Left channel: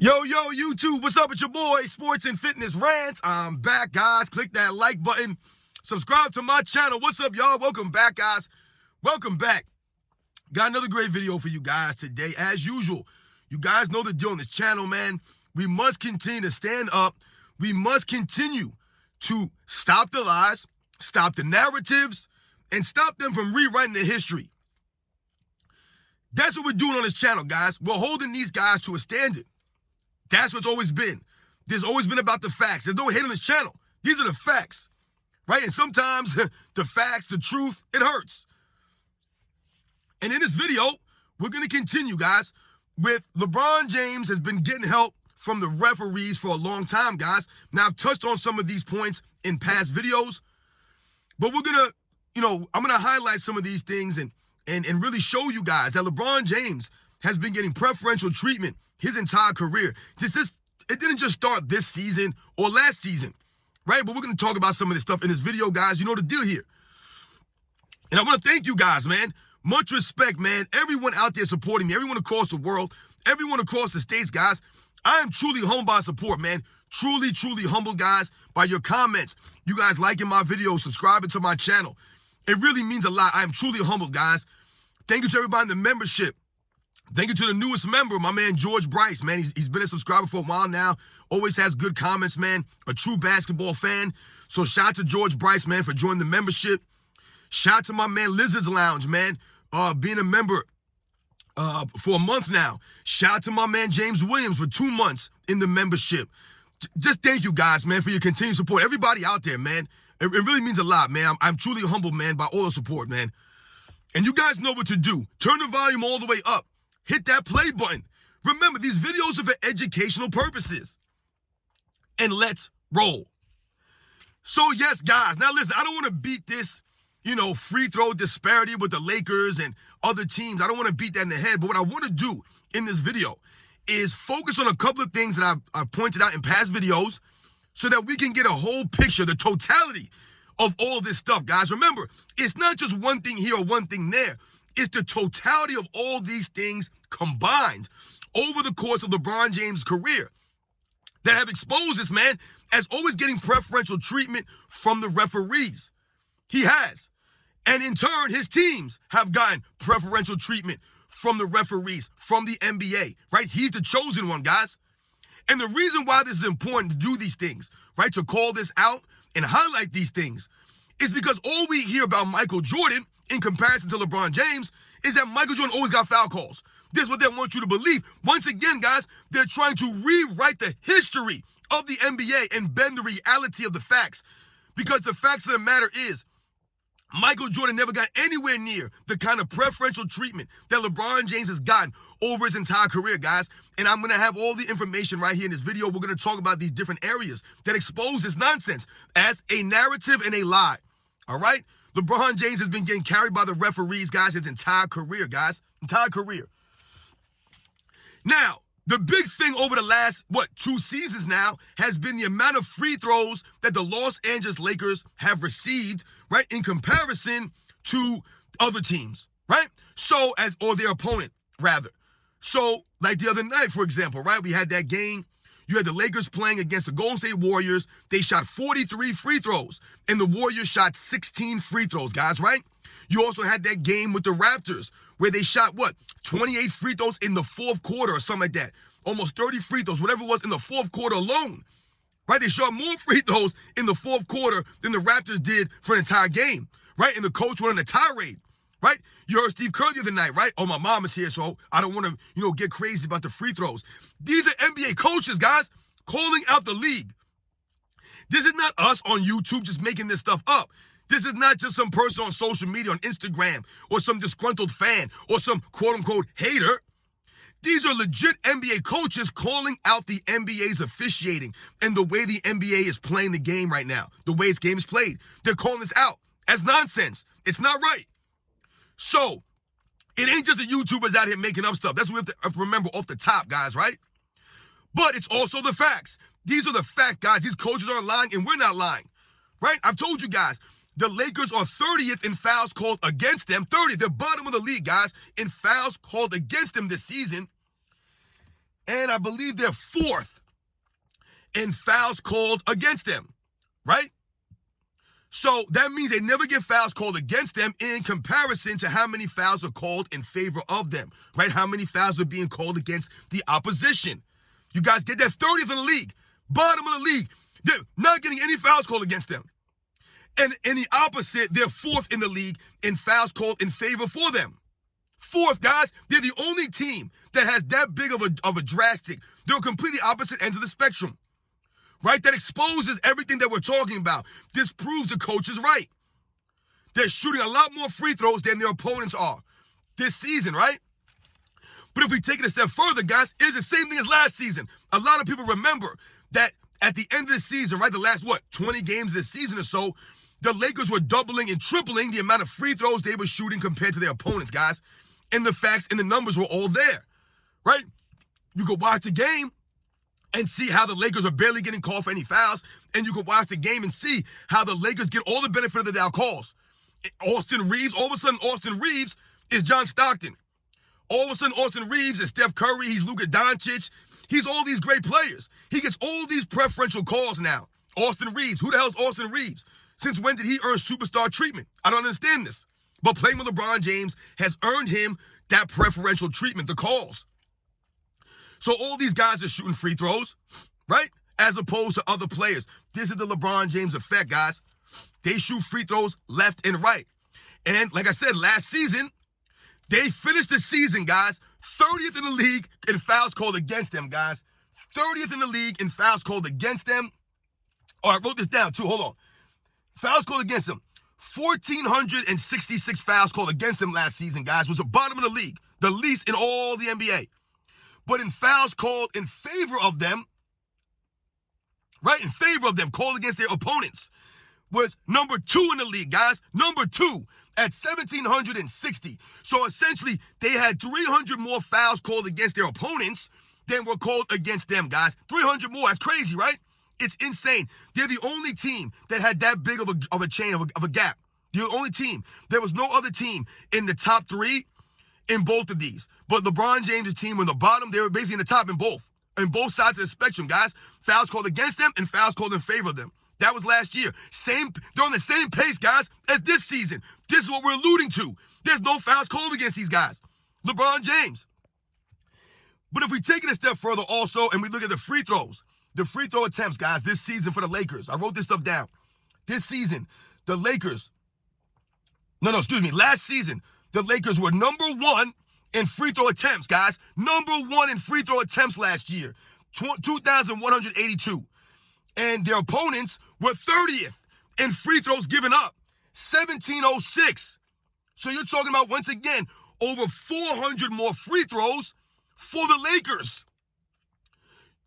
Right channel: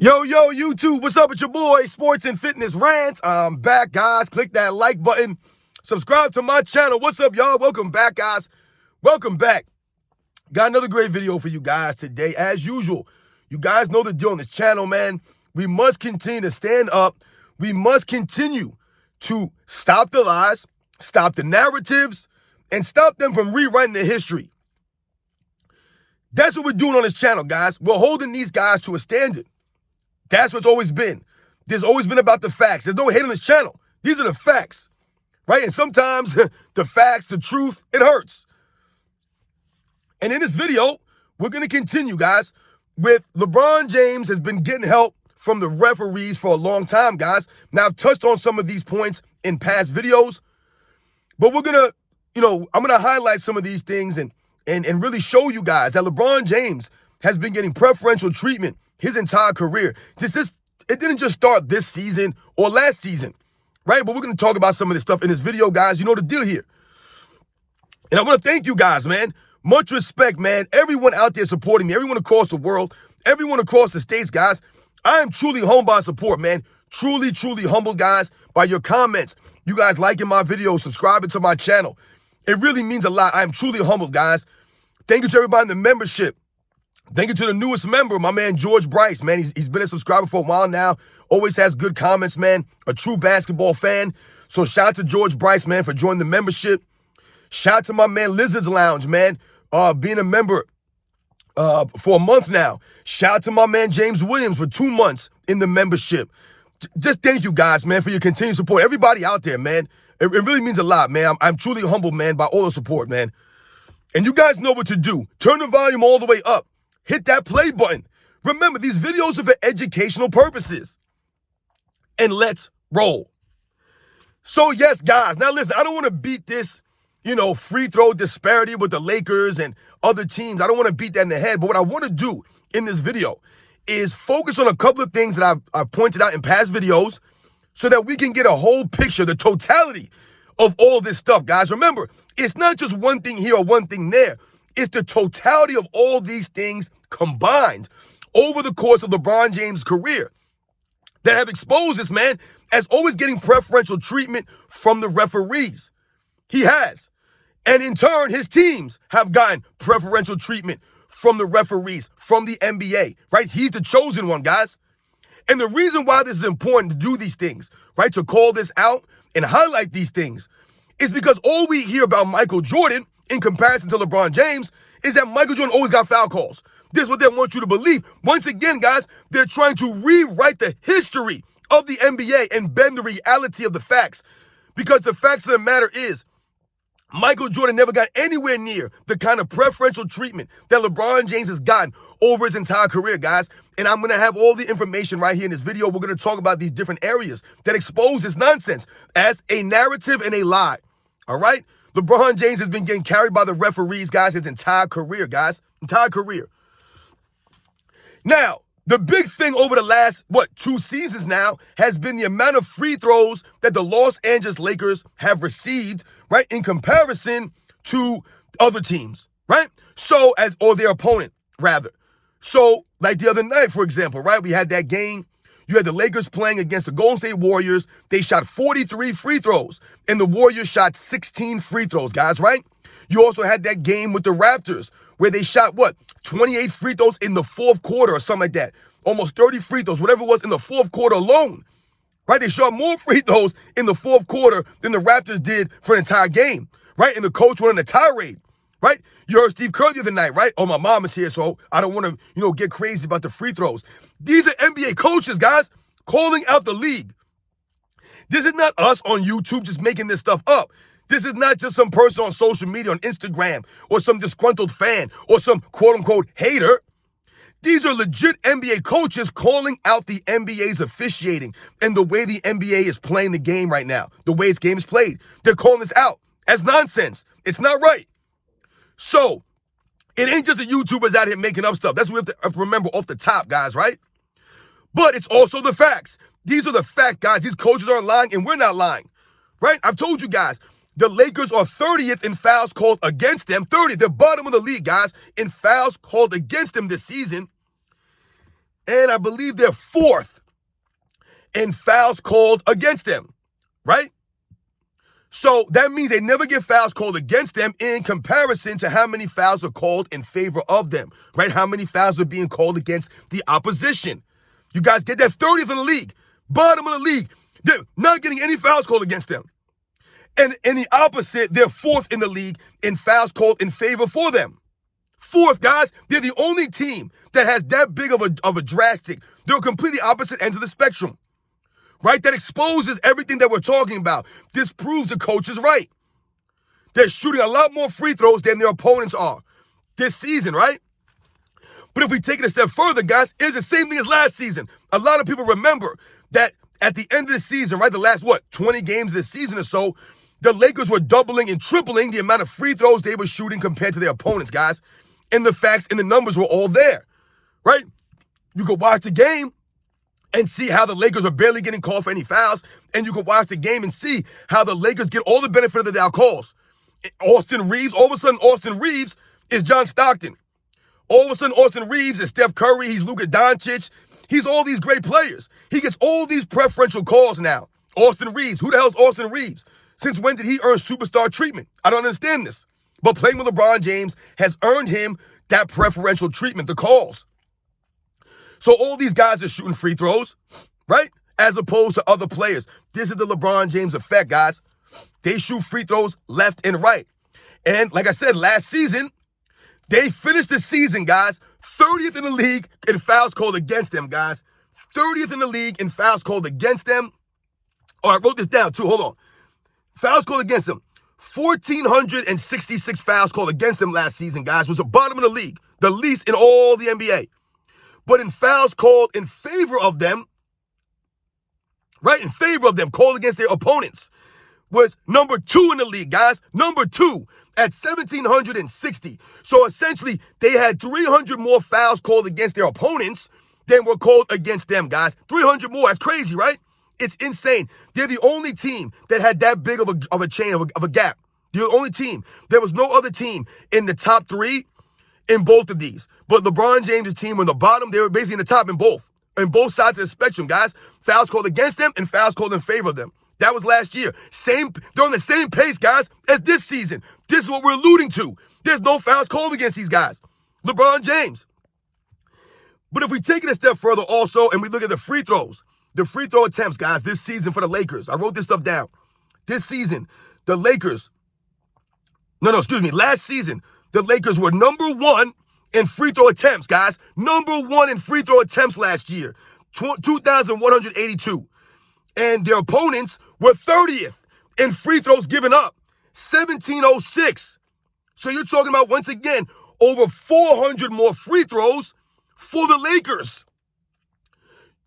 Yo, YouTube, what's up with your boy, Sports and Fitness Rants? I'm back, guys. Click that like button. Subscribe to my channel. What's up, y'all? Welcome back, guys. Welcome back. Got another great video for you guys today. As usual, you guys know the deal on this channel, man. We must continue to stand up. We must continue to stop the lies, stop the narratives, and stop them from rewriting their history. That's what we're doing on this channel, guys. We're holding these guys to a standard. That's what's always been. There's always been about the facts. There's no hate on this channel. These are the facts, right? And sometimes the facts, the truth, it hurts. And in this video, we're going to continue, guys, with LeBron James has been getting help from the referees for a long time, guys. Now, I've touched on some of these points in past videos, but we're going to, I'm going to highlight some of these things and really show you guys that LeBron James has been getting preferential treatment his entire career. It didn't just start this season or last season, right? But we're going to talk about some of this stuff in this video, guys. You know the deal here. And I want to thank you guys, man. Much respect, man. Everyone out there supporting me, everyone across the world, everyone across the states, guys. I am truly humbled by support, man. Truly, truly humbled, guys, by your comments. You guys liking my videos, subscribing to my channel. It really means a lot. I am truly humbled, guys. Thank you to everybody in the membership. Thank you to the newest member, my man, George Bryce, man. He's been a subscriber for a while now. Always has good comments, man. A true basketball fan. So shout out to George Bryce, man, for joining the membership. Shout out to my man, Lizards Lounge, man, being a member for a month now. Shout out to my man, James Williams, for 2 months in the membership. Just thank you guys, man, for your continued support. Everybody out there, man. It really means a lot, man. I'm truly humbled, man, by all the support, man. And you guys know what to do. Turn the volume all the way up. Hit that play button. Remember, these videos are for educational purposes. And let's roll. So, yes, guys. Now, listen, I don't want to beat this, free throw disparity with the Lakers and other teams. I don't want to beat that in the head. But what I want to do in this video is focus on a couple of things that I've pointed out in past videos so that we can get a whole picture, the totality of all this stuff, guys. Remember, it's not just one thing here or one thing there. It's the totality of all these things combined over the course of LeBron James' career that have exposed this man as always getting preferential treatment from the referees. He has. And in turn, his teams have gotten preferential treatment from the referees, from the NBA, right? He's the chosen one, guys. And the reason why this is important to do these things, right, to call this out and highlight these things, is because all we hear about Michael Jordan in comparison to LeBron James is that Michael Jordan always got foul calls. This is what they want you to believe. Once again, guys, they're trying to rewrite the history of the NBA and bend the reality of the facts. Because the facts of the matter is, Michael Jordan never got anywhere near the kind of preferential treatment that LeBron James has gotten over his entire career, guys. And I'm going to have all the information right here in this video. We're going to talk about these different areas that expose this nonsense as a narrative and a lie. All right? LeBron James has been getting carried by the referees, guys, his entire career, guys. Entire career. Now, the big thing over the last, 2 seasons now has been the amount of free throws that the Los Angeles Lakers have received, right, in comparison to other teams, right? So, or their opponent, rather. So, like the other night, for example, right, we had that game. You had the Lakers playing against the Golden State Warriors. They shot 43 free throws, and the Warriors shot 16 free throws, guys, right? You also had that game with the Raptors where they shot, 28 free throws in the fourth quarter or something like that. Almost 30 free throws, whatever it was in the fourth quarter alone, right? They shot more free throws in the fourth quarter than the Raptors did for an entire game, right? And the coach went on a tirade, right? You heard Steve Kerr the other night, right? Oh, my mom is here, so I don't want to, get crazy about the free throws. These are NBA coaches, guys, calling out the league. This is not us on YouTube just making this stuff up. This is not just some person on social media, on Instagram, or some disgruntled fan, or some quote-unquote hater. These are legit NBA coaches calling out the NBA's officiating and the way the NBA is playing the game right now, the way its game is played. They're calling this out as nonsense. It's not right. So, it ain't just the YouTubers out here making up stuff. That's what we have to remember off the top, guys, right? But it's also the facts. These are the facts, guys. These coaches aren't lying, and we're not lying, right? I've told you guys, the Lakers are 30th in fouls called against them. 30th, they're bottom of the league, guys, in fouls called against them this season. And I believe they're 4th in fouls called against them, right? So that means they never get fouls called against them in comparison to how many fouls are called in favor of them, right? How many fouls are being called against the opposition. You guys get that? 30th in the league, bottom of the league. They're not getting any fouls called against them. And in the opposite, they're 4th in the league in fouls called in favor for them. 4th, guys. They're the only team that has that big of a drastic. They're completely opposite ends of the spectrum, right? That exposes everything that we're talking about. This proves the coach is right. They're shooting a lot more free throws than their opponents are this season, right? But if we take it a step further, guys, it's the same thing as last season. A lot of people remember that at the end of the season, right, the last, 20 games this season or so, the Lakers were doubling and tripling the amount of free throws they were shooting compared to their opponents, guys. And the facts and the numbers were all there, right? You could watch the game and see how the Lakers are barely getting called for any fouls. And you could watch the game and see how the Lakers get all the benefit of the doubt calls. Austin Reeves, all of a sudden, Austin Reeves is John Stockton. All of a sudden, Austin Reeves is Steph Curry. He's Luka Doncic. He's all these great players. He gets all these preferential calls now. Austin Reeves. Who the hell's Austin Reeves? Since when did he earn superstar treatment? I don't understand this. But playing with LeBron James has earned him that preferential treatment, the calls. So all these guys are shooting free throws, right? As opposed to other players. This is the LeBron James effect, guys. They shoot free throws left and right. And like I said, last season, they finished the season, guys, 30th in the league in fouls called against them, guys. 30th in the league in fouls called against them. Oh, I wrote this down too. Hold on. Fouls called against them. 1,466 fouls called against them last season, guys. Was the bottom of the league. The least in all the NBA. But in fouls called in favor of them, right, in favor of them, called against their opponents, was number 2 in the league, guys. Number 2 at 1,760. So essentially, they had 300 more fouls called against their opponents than were called against them, guys. 300 more. That's crazy, right? It's insane. They're the only team that had that big of a chain, of a gap. They're the only team. There was no other team in the top 3 in both of these. But LeBron James' team were in the bottom. They were basically in the top in both sides of the spectrum, guys. Fouls called against them and fouls called in favor of them. That was last year. They're on the same pace, guys, as this season. This is what we're alluding to. There's no fouls called against these guys. LeBron James. But if we take it a step further also, and we look at the free throws, the free throw attempts, guys, this season for the Lakers. I wrote this stuff down. This season, the Lakers, last season, the Lakers were number 1 in free throw attempts, guys. Number 1 in free throw attempts last year, 2,182. And their opponents were 30th in free throws given up, 1,706. So you're talking about, once again, over 400 more free throws for the Lakers.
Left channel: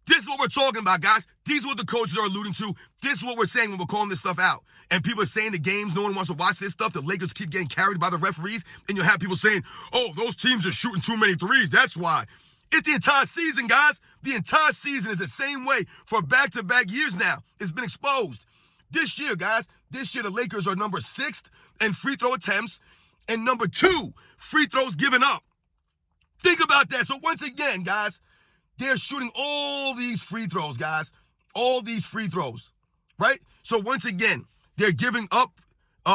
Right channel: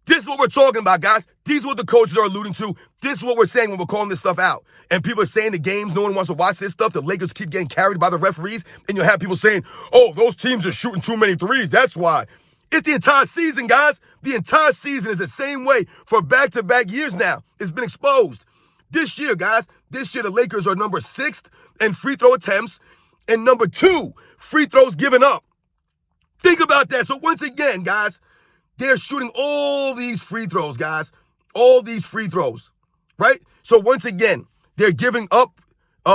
This is what we're talking about, guys. These are what the coaches are alluding to. This is what we're saying when we're calling this stuff out. And people are saying the games, no one wants to watch this stuff. The Lakers keep getting carried by the referees. And you'll have people saying, oh, those teams are shooting too many threes. That's why. It's the entire season, guys. The entire season is the same way for back-to-back years now. It's been exposed. This year, guys, the Lakers are number 6th in free throw attempts and number 2 free throws given up. Think about that. So once again, guys, they're shooting all these free throws, guys. All these free throws, right? So once again, they're giving up,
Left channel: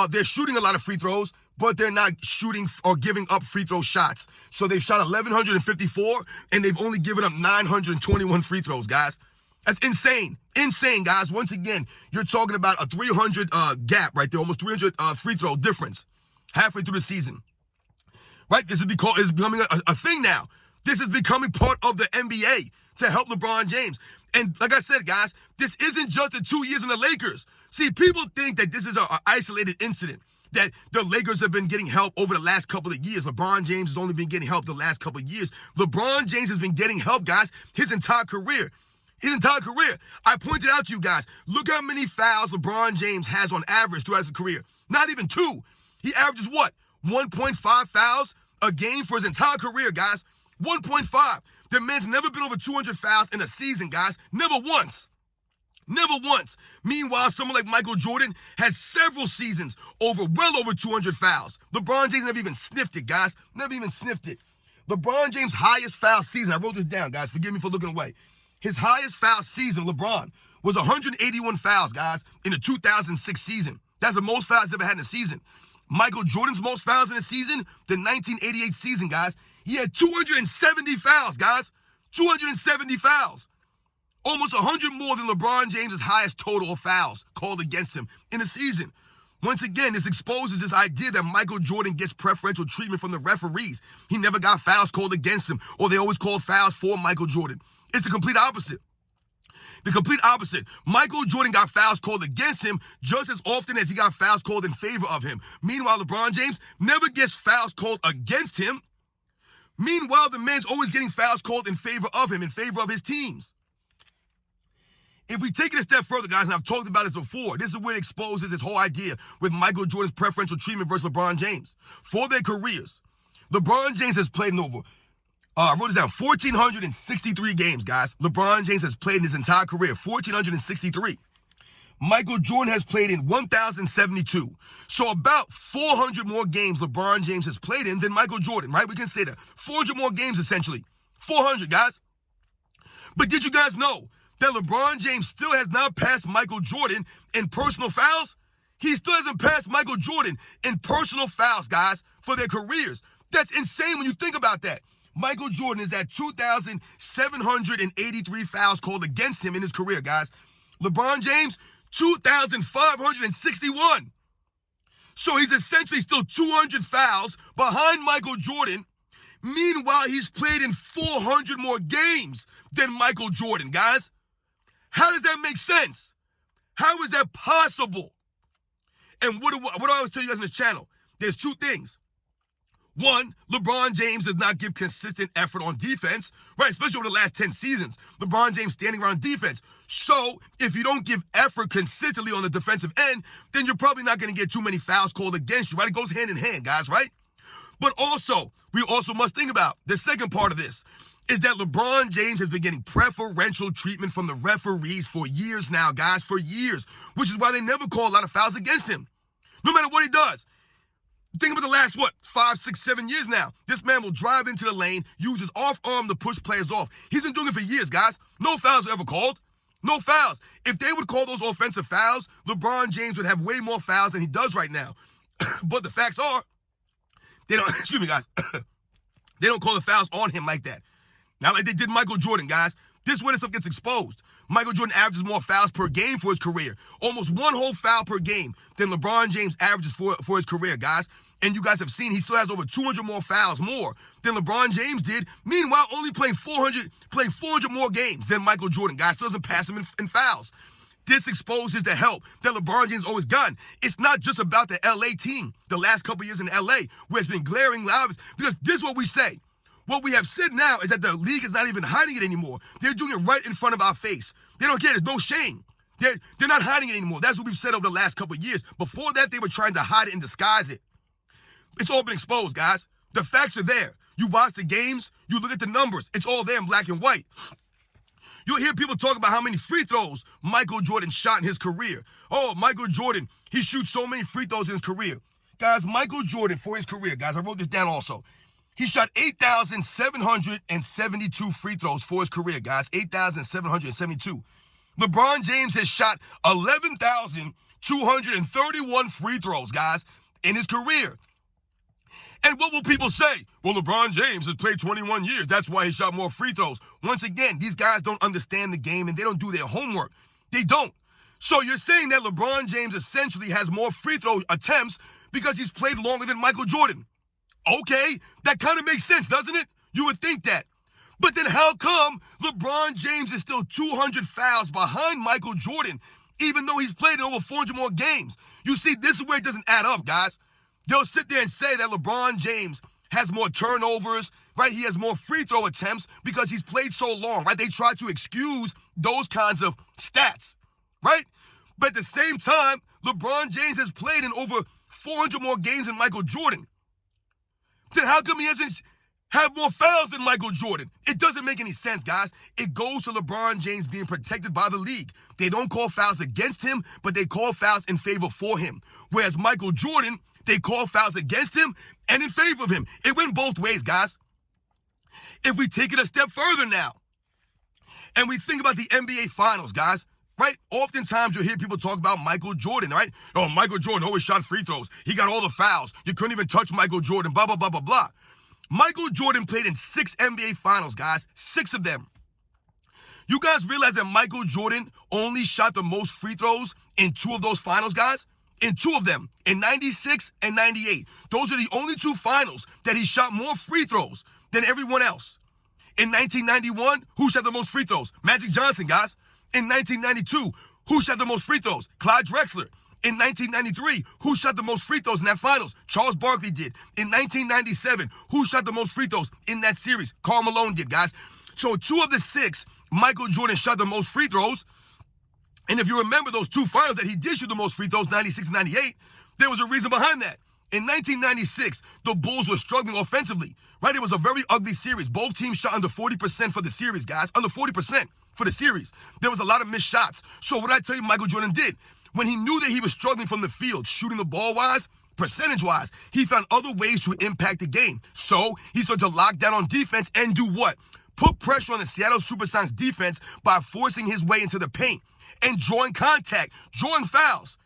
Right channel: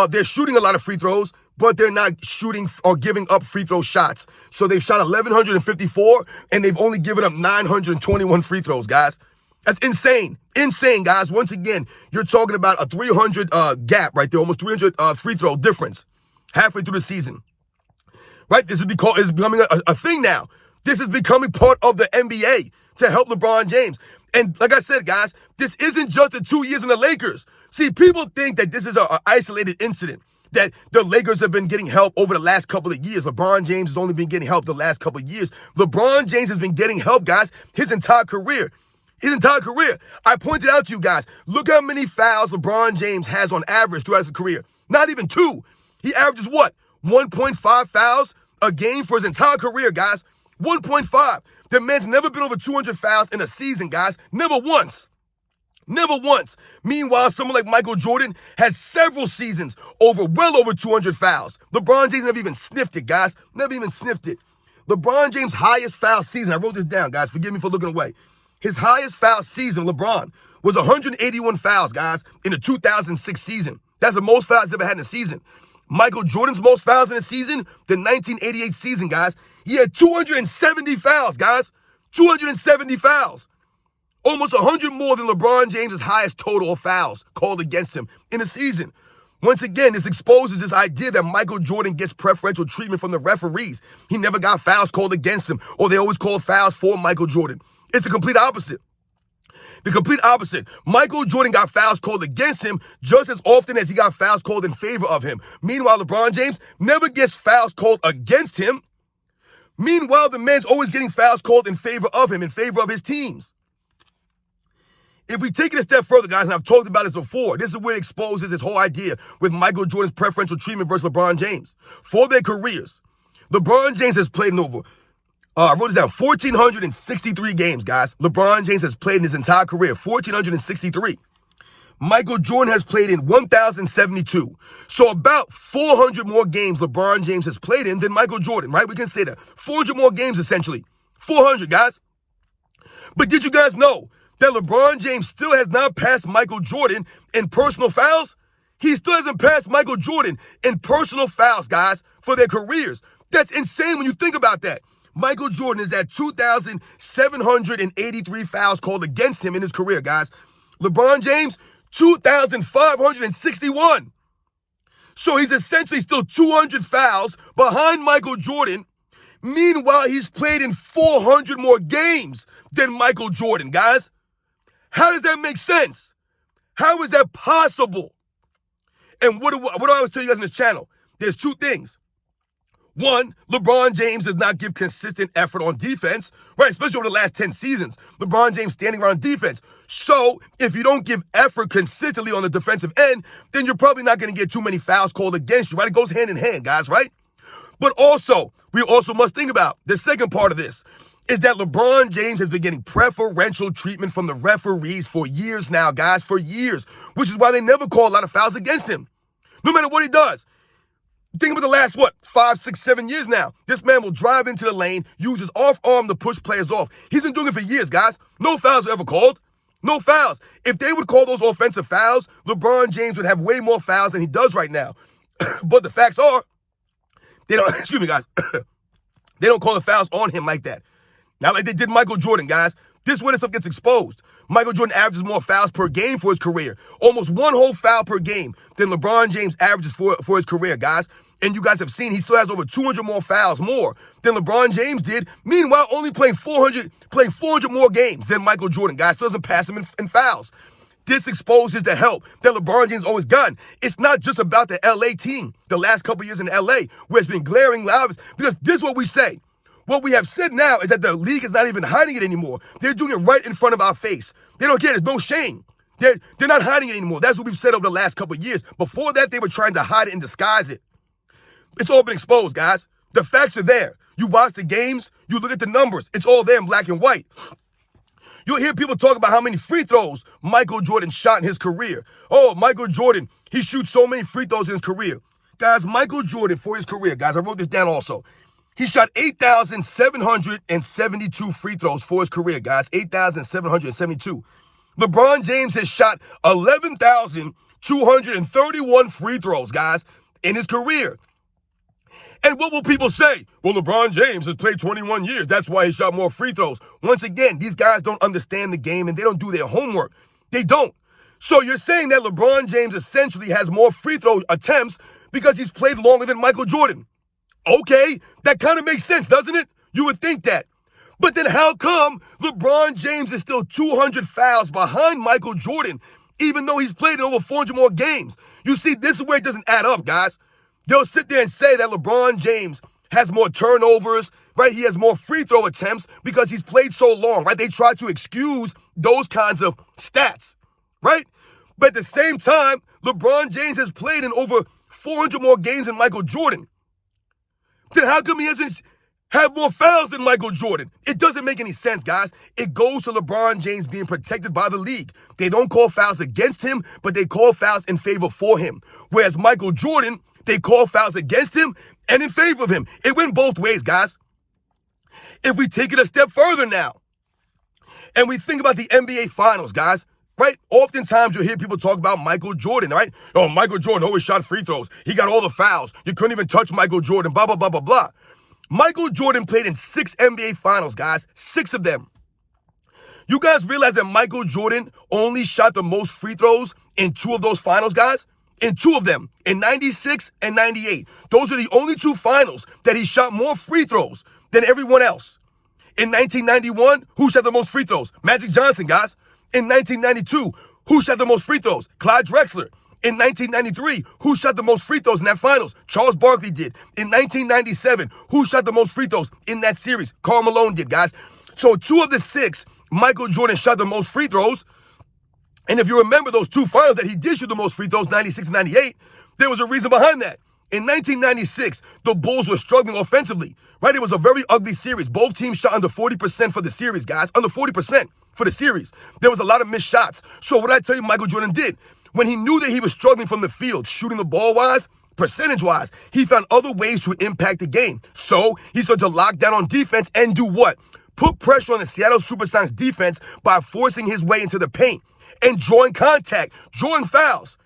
they're shooting a lot of free throws, but they're not shooting or giving up free throw shots. So they've shot 1,154, and they've only given up 921 free throws, guys. That's insane. Insane, guys. Once again, you're talking about a 300 gap right there, almost 300 free throw difference halfway through the season, right? This is becoming a thing now. This is becoming part of the NBA to help LeBron James. And like I said, guys, this isn't just the 2 years in the Lakers. See, people think that this is an isolated incident, that the Lakers have been getting help over the last couple of years. LeBron James has only been getting help the last couple of years. LeBron James has been getting help, guys, his entire career. His entire career. I pointed out to you guys, look how many fouls LeBron James has on average throughout his career. Not even 2. He averages what? 1.5 fouls a game for his entire career, guys. 1.5. The man's never been over 200 fouls in a season, guys. Never once. Never once. Meanwhile, someone like Michael Jordan has several seasons well over 200 fouls. LeBron James never even sniffed it, guys. Never even sniffed it. LeBron James' highest foul season, I wrote this down, guys. Forgive me for looking away. His highest foul season, LeBron, was 181 fouls, guys, in the 2006 season. That's the most fouls he's ever had in a season. Michael Jordan's most fouls in a season, the 1988 season, guys. He had 270 fouls, guys. 270 fouls. Almost 100 more than LeBron James' highest total of fouls called against him in a season. Once again, this exposes this idea that Michael Jordan gets preferential treatment from the referees. He never got fouls called against him, or they always called fouls for Michael Jordan. It's the complete opposite. The complete opposite. Michael Jordan got fouls called against him just as often as he got fouls called in favor of him. Meanwhile, LeBron James never gets fouls called against him. Meanwhile, the man's always getting fouls called in favor of him, in favor of his teams. If we take it a step further, guys, and I've talked about this before, this is where it exposes this whole idea with Michael Jordan's preferential treatment versus LeBron James. For their careers, LeBron James has played in over, I wrote this down, 1,463 games, guys. LeBron James has played in his entire career, 1,463. Michael Jordan has played in 1,072. So about 400 more games LeBron James has played in than Michael Jordan, right? We can say that. 400 more games, essentially. 400, guys. But did you guys know that LeBron James still has not passed Michael Jordan in personal fouls? He still hasn't passed Michael Jordan in personal fouls, guys, for their careers. That's insane when you think about that. Michael Jordan is at 2,783 fouls called against him in his career, guys. LeBron James, 2,561. So he's essentially still 200 fouls behind Michael Jordan. Meanwhile, he's played in 400 more games than Michael Jordan, guys. How does that make sense? How is that possible? And what do I always tell you guys on this channel? There's two things. One, LeBron James does not give consistent effort on defense, right? Especially over the last 10 seasons. LeBron James standing around defense. So if you don't give effort consistently on the defensive end, then you're probably not going to get too many fouls called against you, right? It goes hand in hand, guys, right? But also, we also must think about the second part of this is that LeBron James has been getting preferential treatment from the referees for years now, guys, for years, which is why they never call a lot of fouls against him, no matter what he does. Think about the last, 5, 6, 7 years now. This man will drive into the lane, use his off arm to push players off. He's been doing it for years, guys. No fouls are ever called. No fouls. If they would call those offensive fouls, LeBron James would have way more fouls than he does right now. But the facts are, they don't, excuse me, guys, they don't call the fouls on him like that. Not like they did Michael Jordan, guys. This is where this stuff gets exposed. Michael Jordan averages more fouls per game for his career. Almost one whole foul per game than LeBron James averages for his career, guys. And you guys have seen he still has over 200 more fouls more than LeBron James did. Meanwhile, only playing 400 more games than Michael Jordan, guys. Still doesn't pass him in fouls. This exposes the help that LeBron James always gotten. It's not just about the LA team, the last couple years in LA, where it's been glaring loud. Because this is what we say. What we have said now is that the league is not even hiding it anymore. They're doing it right in front of our face. They don't care. There's no shame. They're not hiding it anymore. That's what we've said over the last couple of years. Before that, they were trying to hide it and disguise it. It's all been exposed, guys. The facts are there. You watch the games, you look at the numbers. It's all there in black and white. You'll hear people talk about how many free throws Michael Jordan shot in his career. Oh, Michael Jordan, he shoots so many free throws in his career. Guys, Michael Jordan, for his career, guys, I wrote this down also. He shot 8,772 free throws for his career, guys. 8,772. LeBron James has shot 11,231 free throws, guys, in his career. And what will people say? Well, LeBron James has played 21 years. That's why he shot more free throws. Once again, these guys don't understand the game and they don't do their homework. They don't. So you're saying that LeBron James essentially has more free throw attempts because he's played longer than Michael Jordan. Okay, that kind of makes sense, doesn't it? You would think that. But then how come LeBron James is still 200 fouls behind Michael Jordan, even though he's played in over 400 more games? You see, this is where it doesn't add up, guys. They'll sit there and say that LeBron James has more turnovers, right? He has more free throw attempts because he's played so long, right? They try to excuse those kinds of stats, right? But at the same time, LeBron James has played in over 400 more games than Michael Jordan. Then how come he hasn't have more fouls than Michael Jordan? It doesn't make any sense, guys. It goes to LeBron James being protected by the league. They don't call fouls against him, but they call fouls in favor for him. Whereas Michael Jordan, they call fouls against him and in favor of him. It went both ways, guys. If we take it a step further now, and we think about the NBA Finals, guys, right? Oftentimes you'll hear people talk about Michael Jordan, right? Oh, Michael Jordan always shot free throws. He got all the fouls. You couldn't even touch Michael Jordan, blah, blah, blah, blah, blah. Michael Jordan played in 6 NBA Finals, guys. 6 of them. You guys realize that Michael Jordan only shot the most free throws in 2 of those finals, guys? In 2 of them, in 96 and 98. Those are the only 2 finals that he shot more free throws than everyone else. In 1991, who shot the most free throws? Magic Johnson, guys. In 1992, who shot the most free throws? Clyde Drexler. In 1993, who shot the most free throws in that finals? Charles Barkley did. In 1997, who shot the most free throws in that series? Karl Malone did, guys. So 2 of the 6, Michael Jordan shot the most free throws. And if you remember those 2 finals that he did shoot the most free throws, 96 and 98, there was a reason behind that. In 1996, the Bulls were struggling offensively, right? It was a very ugly series. Both teams shot under 40% for the series, guys. Under 40% for the series. There was a lot of missed shots. So what I tell you Michael Jordan did, when he knew that he was struggling from the field, shooting the ball-wise, percentage-wise, he found other ways to impact the game. So he started to lock down on defense and do what? Put pressure on the Seattle Supersonics defense by forcing his way into the paint and drawing contact, drawing fouls.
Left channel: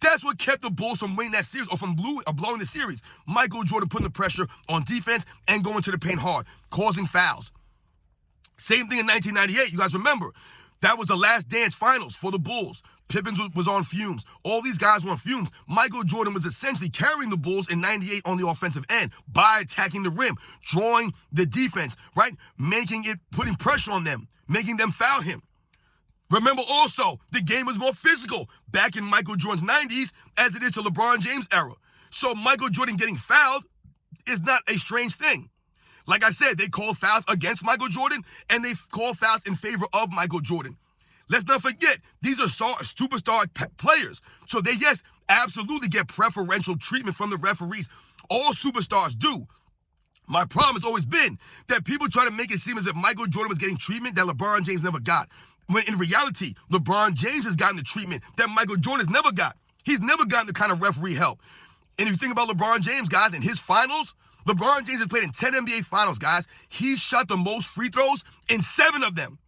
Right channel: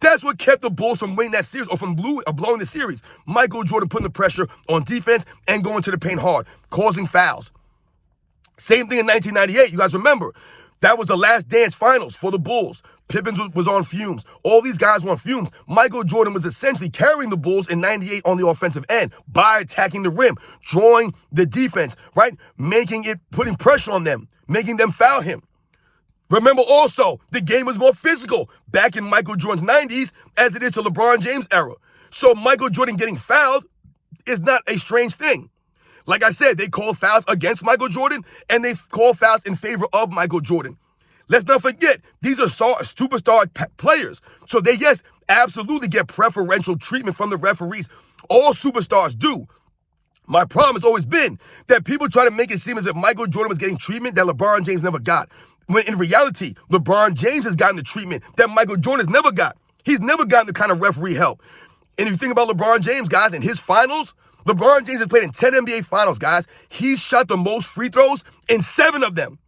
That's what kept the Bulls from winning that series or from blowing the series. Michael Jordan putting the pressure on defense and going to the paint hard, causing fouls. Same thing in 1998. You guys remember, that was the last dance finals for the Bulls. Pippen was on fumes. All these guys were on fumes. Michael Jordan was essentially carrying the Bulls in 98 on the offensive end by attacking the rim, drawing the defense, right? Putting pressure on them, making them foul him. Remember also, the game was more physical back in Michael Jordan's 90s as it is to LeBron James' era. So Michael Jordan getting fouled is not a strange thing. Like I said, they call fouls against Michael Jordan and they call fouls in favor of Michael Jordan. Let's not forget, these are superstar players. So they, yes, absolutely get preferential treatment from the referees. All superstars do. My problem has always been that people try to make it seem as if Michael Jordan was getting treatment that LeBron James never got. When in reality, LeBron James has gotten the treatment that Michael Jordan has never got. He's never gotten the kind of referee help. And if you think about LeBron James, guys, in his finals, LeBron James has played in 10 NBA finals, guys. He's shot the most free throws in 7 of them.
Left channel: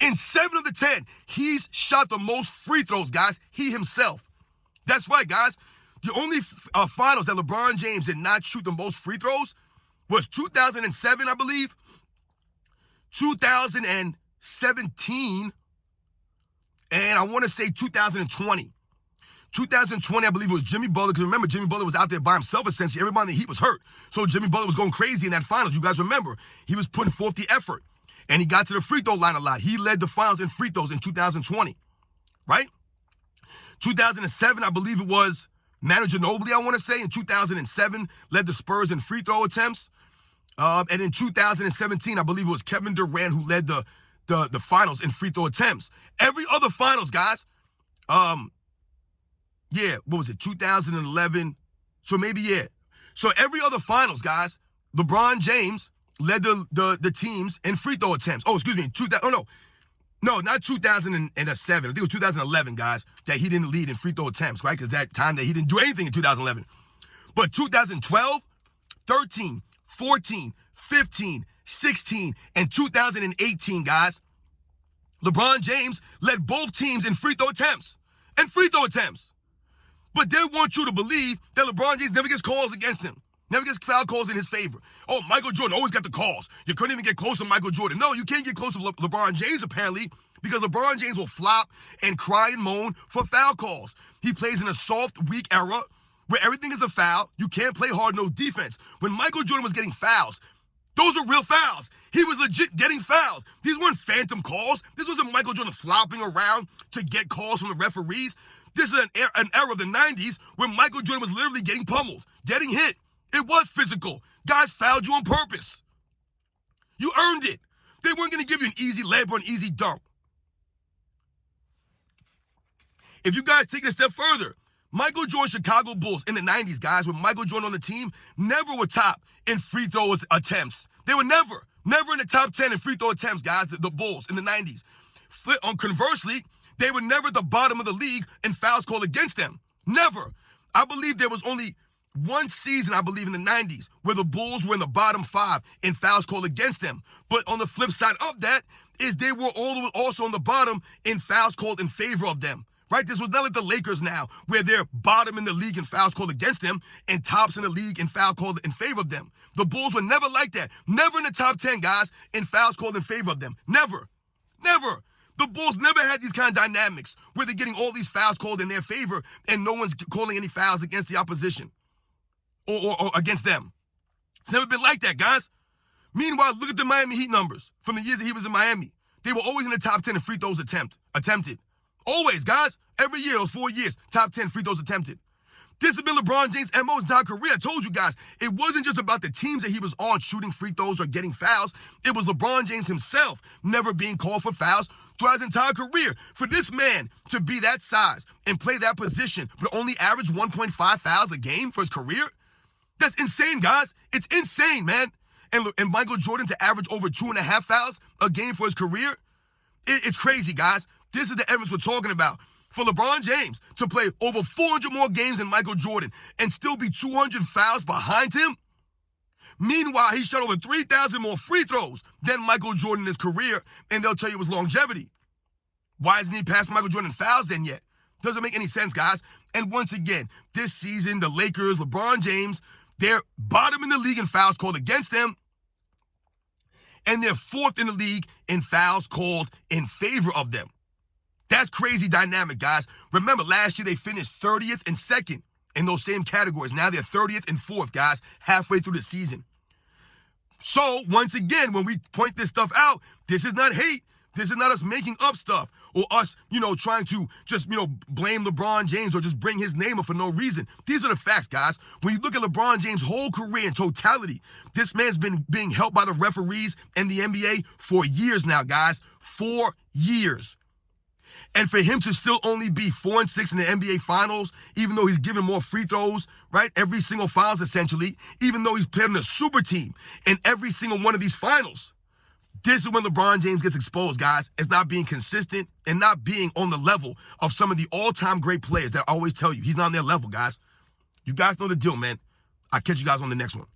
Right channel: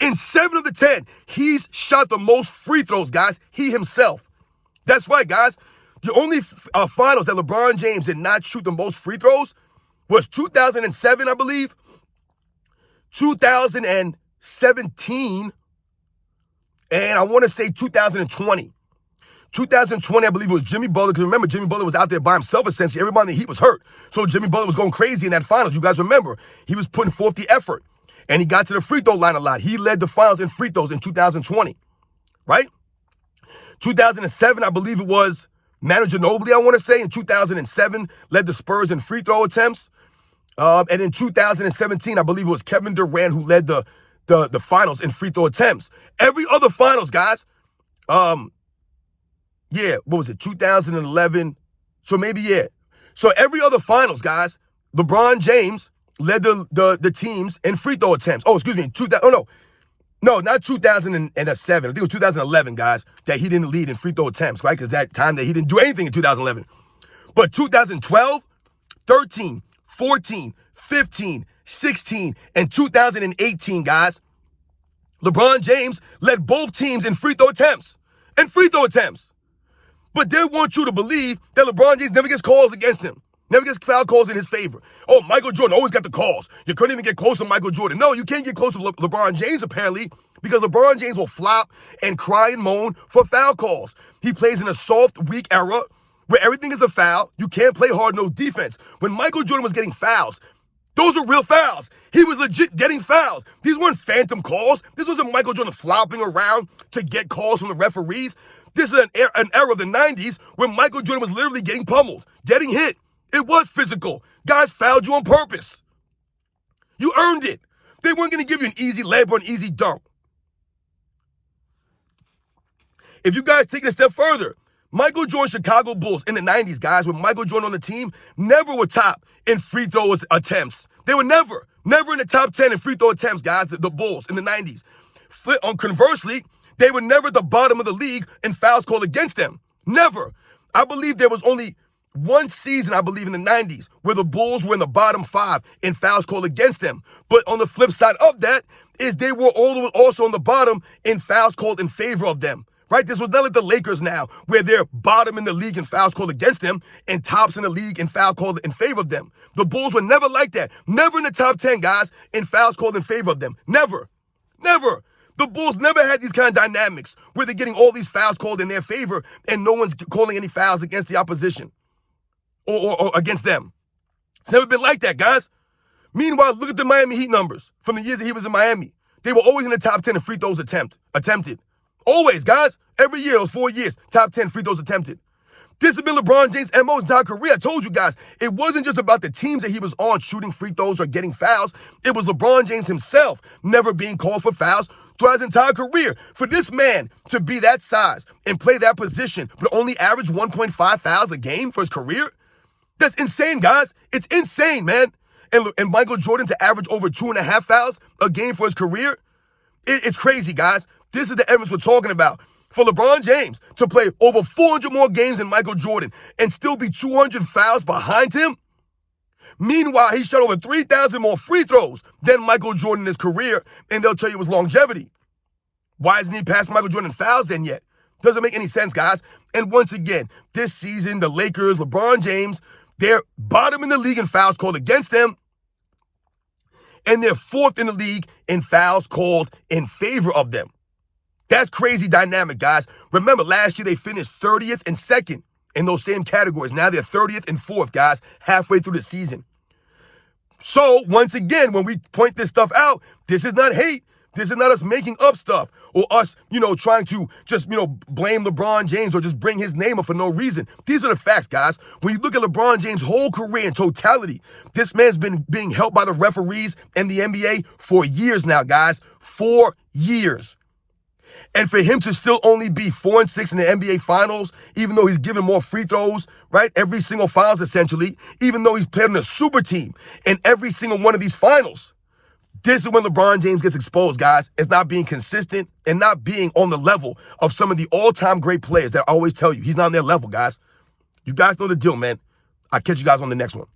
In 7 of the 10, he's shot the most free throws, guys, he himself. That's right, guys. The only finals that LeBron James did not shoot the most free throws was 2007, I believe, 2017, and I want to say 2020. 2020, I believe it was Jimmy Butler, because remember, Jimmy Butler was out there by himself, essentially. Everybody in the Heat was hurt. So Jimmy Butler was going crazy in that finals. You guys remember, he was putting forth the effort, and he got to the free throw line a lot. He led the finals in free throws in 2020, right? 2007, I believe it was Manu Ginobili, I want to say, in 2007, led the Spurs in free throw attempts. And in 2017, I believe it was Kevin Durant who led the finals in free throw attempts. Every other finals, guys, what was it, 2011? So maybe, yeah. So every other finals, guys, LeBron James led the teams in free throw attempts. Oh, excuse me, no, not 2007. I think it was 2011, guys, that he didn't lead in free throw attempts, right? Because that time that he didn't do anything in 2011. But 2012, 13, 14, 15, 16, and 2018, guys, LeBron James led both teams in free throw attempts. But they want you to believe that LeBron James never gets calls against him. Never gets foul calls in his favor. Oh, Michael Jordan always got the calls. You couldn't even get close to Michael Jordan. No, you can't get close to LeBron James, apparently, because LeBron James will flop and cry and moan for foul calls. He plays in a soft, weak era where everything is a foul. You can't play hard-nosed defense. When Michael Jordan was getting fouls, those are real fouls. He was legit getting fouled. These weren't phantom calls. This wasn't Michael Jordan flopping around to get calls from the referees. This is an era of the 90s where Michael Jordan was literally getting pummeled, getting hit. It was physical. Guys fouled you on purpose. You earned it. They weren't going to give you an easy layup or an easy dunk. If you guys take it a step further, Michael Jordan Chicago Bulls in the 90s, guys, with Michael Jordan on the team, never were top in free throw attempts. They were never in the top 10 in free throw attempts, guys, the Bulls in the 90s. Conversely, they were never at the bottom of the league in fouls called against them. Never. I believe there was only one season, I believe in the 90s, where the Bulls were in the bottom 5 in fouls called against them. But on the flip side of that is they were also on the bottom in fouls called in favor of them. Right? This was not like the Lakers now, where they're bottom in the league in fouls called against them and tops in the league in foul called in favor of them. The Bulls were never like that. Never in the top 10, guys, in fouls called in favor of them. Never. Never. The Bulls never had these kind of dynamics where they're getting all these fouls called in their favor and no one's calling any fouls against the opposition or against them. It's never been like that, guys. Meanwhile, look at the Miami Heat numbers from the years that he was in Miami. They were always in the top 10 in free throws attempted. Always, guys. Every year, those 4 years, top 10 free throws attempted. This has been LeBron James' MO his entire career. I told you guys, it wasn't just about the teams that he was on shooting free throws or getting fouls. It was LeBron James himself never being called for fouls throughout his entire career. For this man to be that size and play that position, but only average 1.5 fouls a game for his career, that's insane, guys. It's insane, man. And Michael Jordan to average over 2.5 fouls a game for his career, it's crazy, guys. This is the evidence we're talking about. For LeBron James to play over 400 more games than Michael Jordan and still be 200 fouls behind him. Meanwhile, he shot over 3,000 more free throws than Michael Jordan in his career, and they'll tell you it was longevity. Why isn't he past Michael Jordan in fouls then yet? Doesn't make any sense, guys. And once again, this season, the Lakers, LeBron James, they're bottom in the league in fouls called against them, and they're 4th in the league in fouls called in favor of them. That's crazy dynamic, guys. Remember, last year they finished 30th and 2nd in those same categories. Now they're 30th and 4th, guys, halfway through the season. So, once again, when we point this stuff out, this is not hate. This is not us making up stuff or us, trying to just, blame LeBron James or just bring his name up for no reason. These are the facts, guys. When you look at LeBron James' whole career in totality, this man's been being helped by the referees and the NBA for years now, guys. 4 years. And for him to still only be 4-6 in the NBA Finals, even though he's given more free throws, right? Every single finals, essentially, even though he's played on a super team in every single one of these finals. This is when LeBron James gets exposed, guys. It's not being consistent and not being on the level of some of the all-time great players that I always tell you. He's not on their level, guys. You guys know the deal, man. I'll catch you guys on the next one.